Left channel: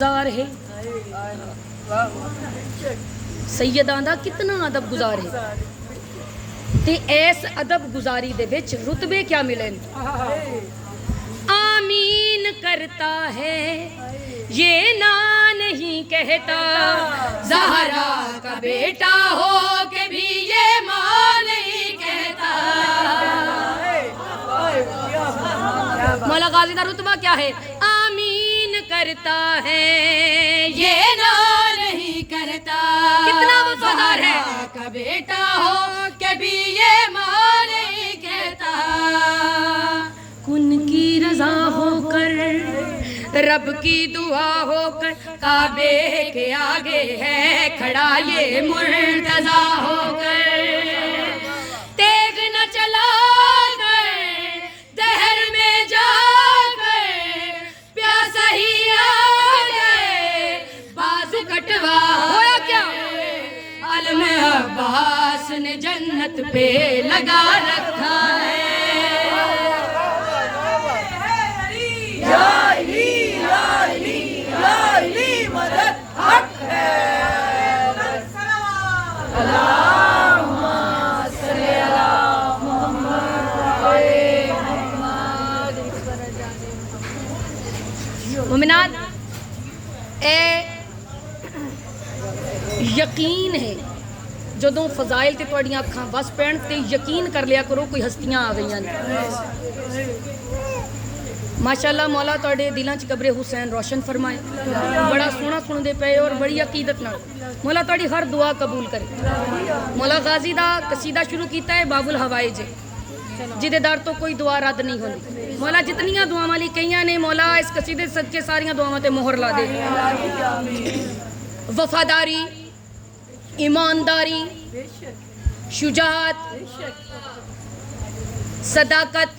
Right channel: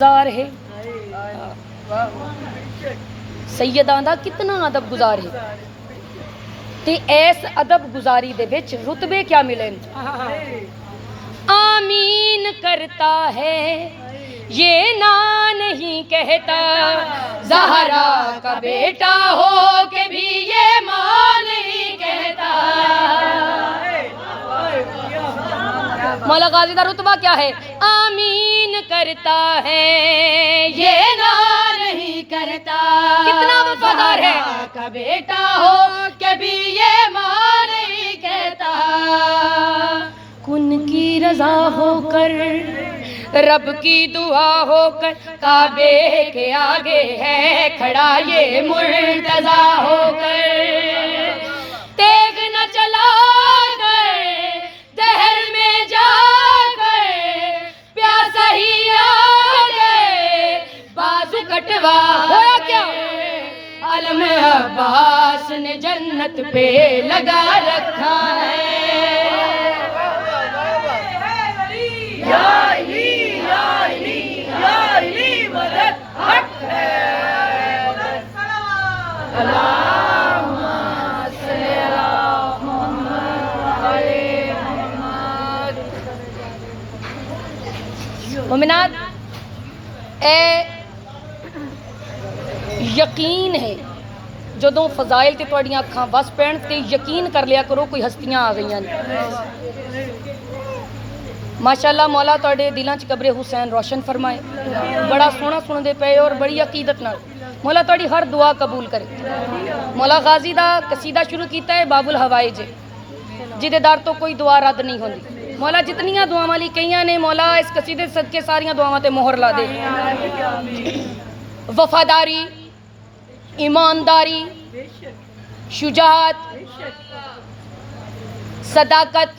गुजार है सैयदां दा कितना अदब गुजार है ते ऐस अदब गुजारी दे विच रुतबे क्या मिले। आमीन करता है ये ना नहीं कहता ज़हरा का बेटा हो के भी ये मां नहीं कहता। मौला गाजी का रुतबा क्या है? आमीन करता है ये ना नहीं करता, कितना वफादार है का बेटा हो के भी ये मां नहीं कहता। कुन की रजा होकर रब की दुआ होकर काबे के आगे है खड़ा ये मुर्तजा होकर। तेग न चला दहर में जाकर प्यासा ही आ गए बाजू कटवा हो क्या। अलम अब्बास ने जन्नत पे लगा रखा है। मुमिनात यकीन है जदों फजाइल ते तुहाडियां अखां बस पैण ते यकीन कर लिया करो कोई हस्तियां आ गईयां ने। माशाअल्लाह मौला तुहाडे दिलां च कब्रे हुसैन रोशन फरमाए, बड़ा सोहना सुनदे पे और बड़ी अकीदत नाल मौला तुहाडी हर दुआ कबूल करे। मौला गाजी दा कसीदा शुरू कीता है बाबुल हवाइज जिहदे दर तो कोई दुआ रद्द नहीं होंदी। मौला जितनियां दुआवां ली कईयां ने मौला इस कसीदे सच्चे सारियां दुआवां ते मोहर ला दे। वफादारी, ईमानदारी, शुजाअत, सदाकत,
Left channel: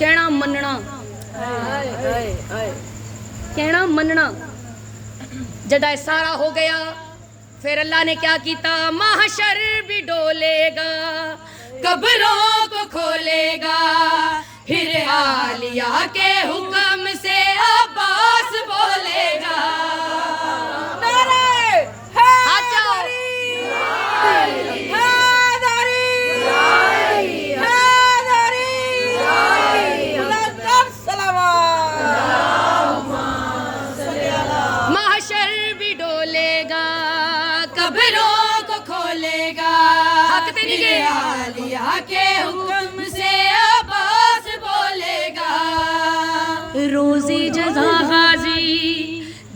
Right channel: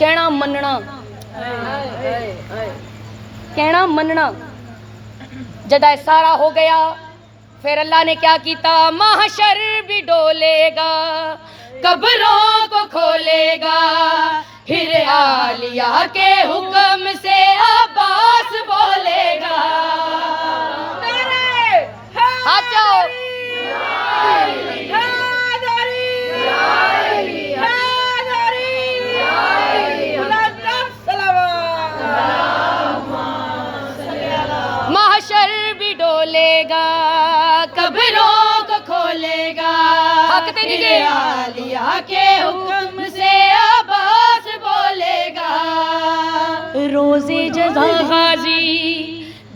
कहना मनना, कहना मनना। जदा सारा हो गया फिर अल्लाह ने क्या किया? महशर भी डोलेगा कब्रों को खोलेगा फिर आलिया के हुक्म से अब्बास बोलेगा। महशर भी डोलेगा कब्रों को खोलेगा फिर आलिया के हुक्म से अब्बास बोलेगा। रोज़े जज़ा गाजी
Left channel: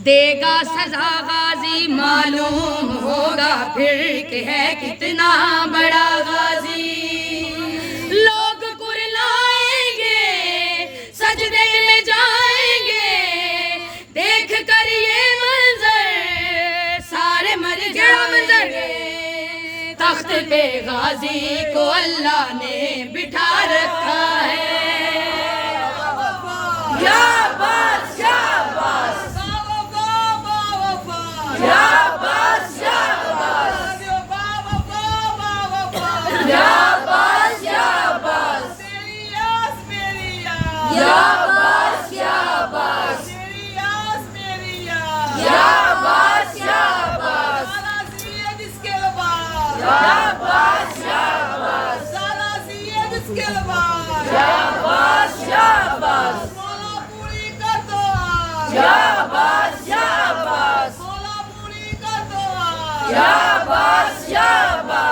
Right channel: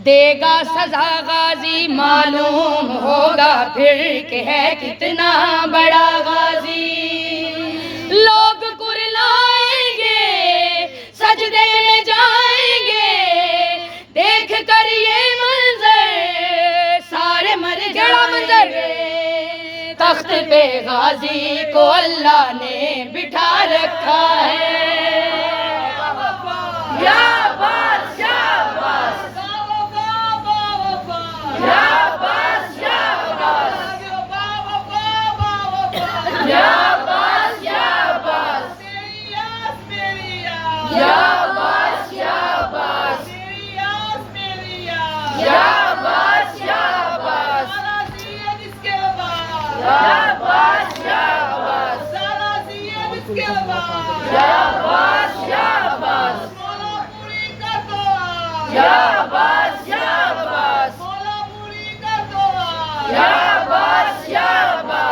देगा सजा गाजी मालूम होगा फिर कि है कितना बड़ा गाजी। लोग कुरलाएंगे सजदे में जाएंगे देख कर ये मंजर सारे मर जाएंगे। तख्त पे गाजी को अल्लाह ने बिठा रखा है। या बस या बस या बस या बस या बस या बस या बस या बस या बस या बस शाबाश शाबाश शाबाश शाबाश शाबाश शाबाश शाबाश शाबाश।